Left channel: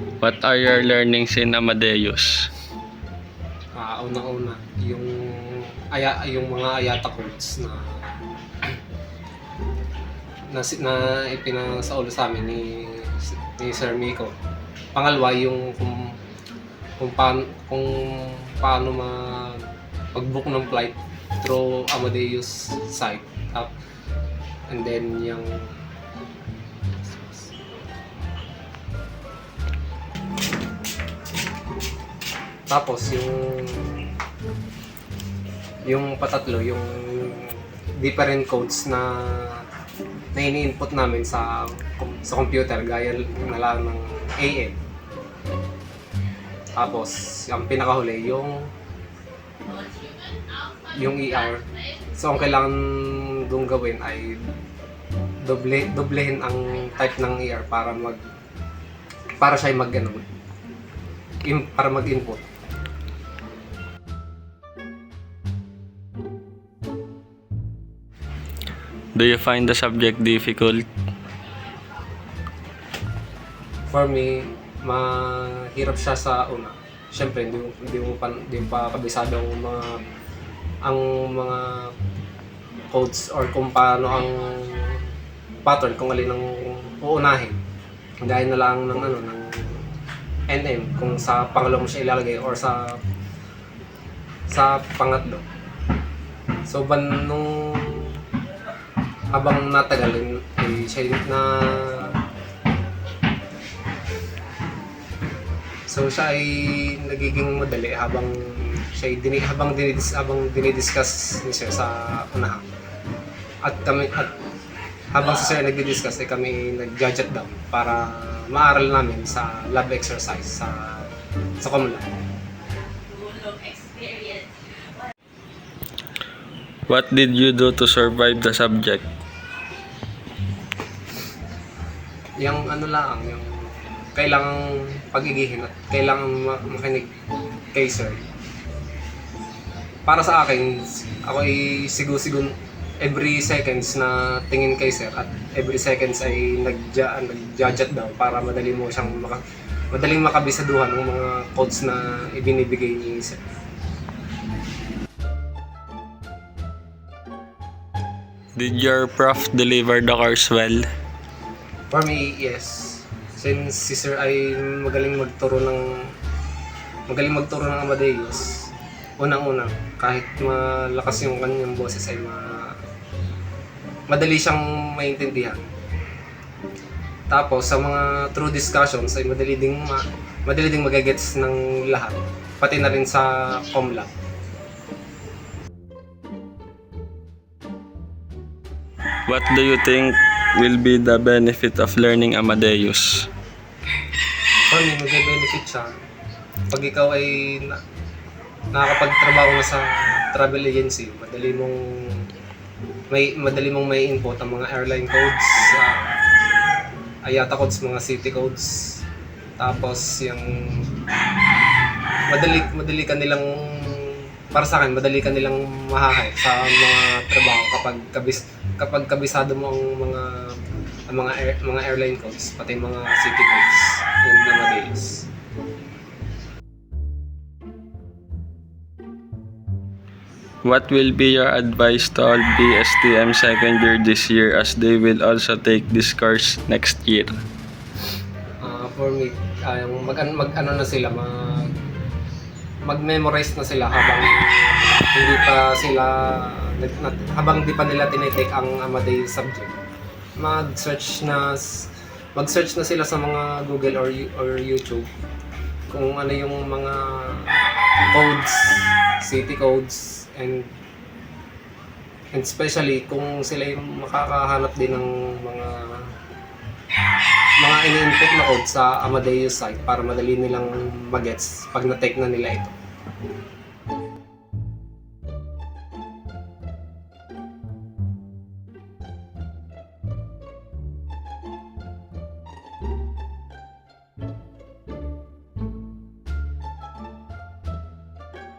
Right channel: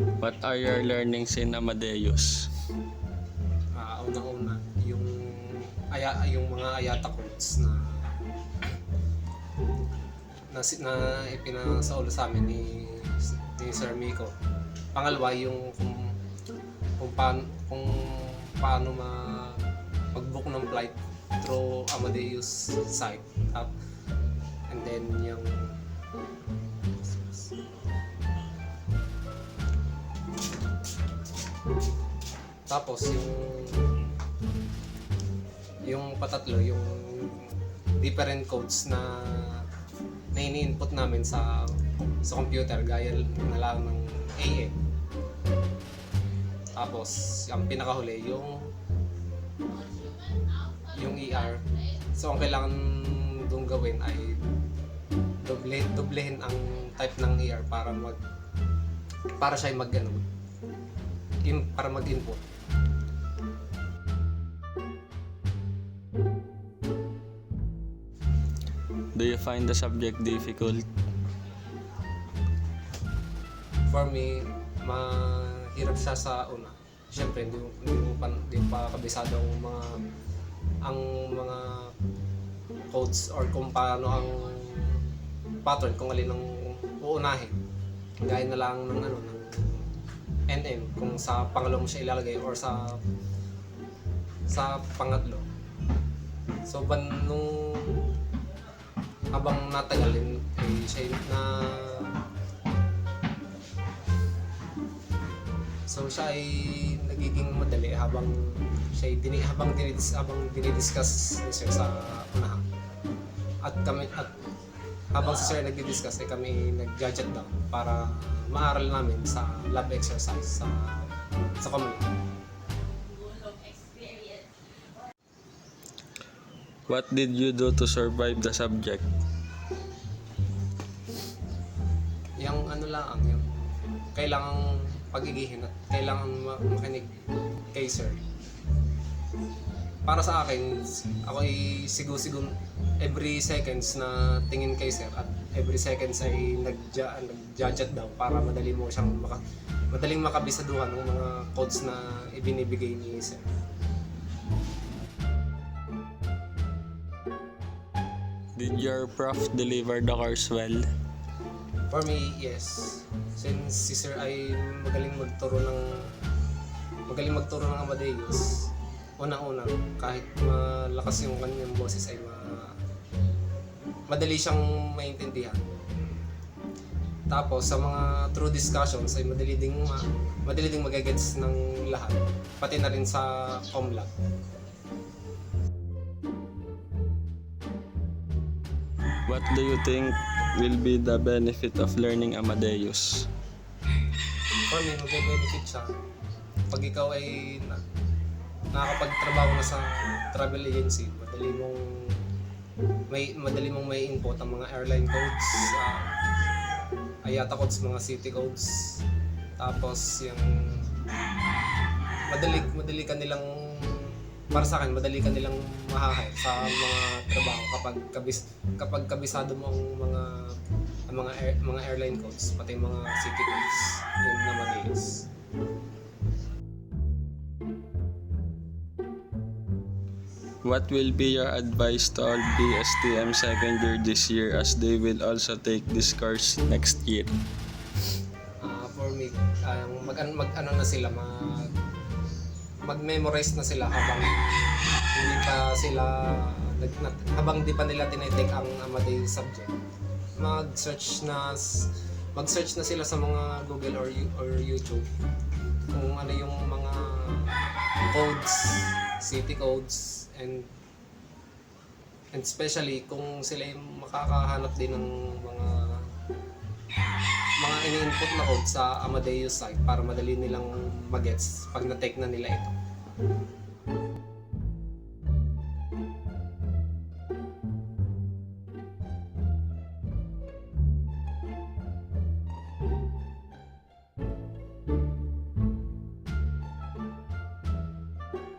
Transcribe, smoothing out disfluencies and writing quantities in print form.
What are your learnings in Amadeus? Unang-una, yung mga ayata chords na ipinasaulo sa amin ni Sir Miko. Pangalawa, yung kung paano mag-book ng flight through Amadeus site. And then tapos yung patatlo, yung different codes na ini-input namin sa computer gaya na lang ng AM. Tapos ang pinakahuli yung ER. So ang kailangan dong gawin ay doblehin ang type ng ER para siya para mag-input. Do you find the subject difficult? For me, mahirap siya sa una. Siyempre, hindi mo pa kabisado ang mga codes or kung paano ang pattern, kung alin ang uunahin. Gaya na lang ng NM, kung sa pangalawa mo siya ilalagay or sa pangatlo. So, habang natagal, siya ay nagiging madali habang dinidiscuss ni Sir sa unahan. At habang si Sir nagdi-discuss ay kami nag-judge down para maaral namin sa lab exercise sa Comlab. What did you do to survive the subject? Yung kailangang pagigihin at kailangang makinig kay Sir. Para sa akin, ako ay sigo-sigo every seconds na tingin kay Sir at every seconds ay nag-judge daw para madaling makabisaduhan ng mga codes na ibinibigay ni Sir. Did your prof deliver the course well? For me, yes. Since si Sir ay magaling magturo ng Amadeus, unang-una, kahit malakas yung kanyang boses ay madali siyang maintindihan. Tapos sa mga true discussions ay madali ding magagets ng lahat, pati na rin sa Comlab. What do you think will be the benefit of learning Amadeus? For me, mag-benefit siya pag ikaw ay nakakapagtrabaho na sa travel agency. Madali mong may input ang mga airline codes, IATA codes, mga city codes. Tapos yung madali ka nilang, para sa akin, madali ka nilang mahahay sa mga trabaho kapag kabisado mo ang mga airline codes, pati mga city codes, yun na madalis. What will be your advice to all BSTM second year this year as they will also take this course next year? For me, mag-memorize na sila habang hindi pa nila tinitake ang Amadeus subject. Mag-search na sila sa mga Google or YouTube kung ano yung mga codes, city codes, and especially kung sila yung makakahanap din ng mga ini-input na code sa Amadeus site para madali nilang magets pag na-take na nila ito.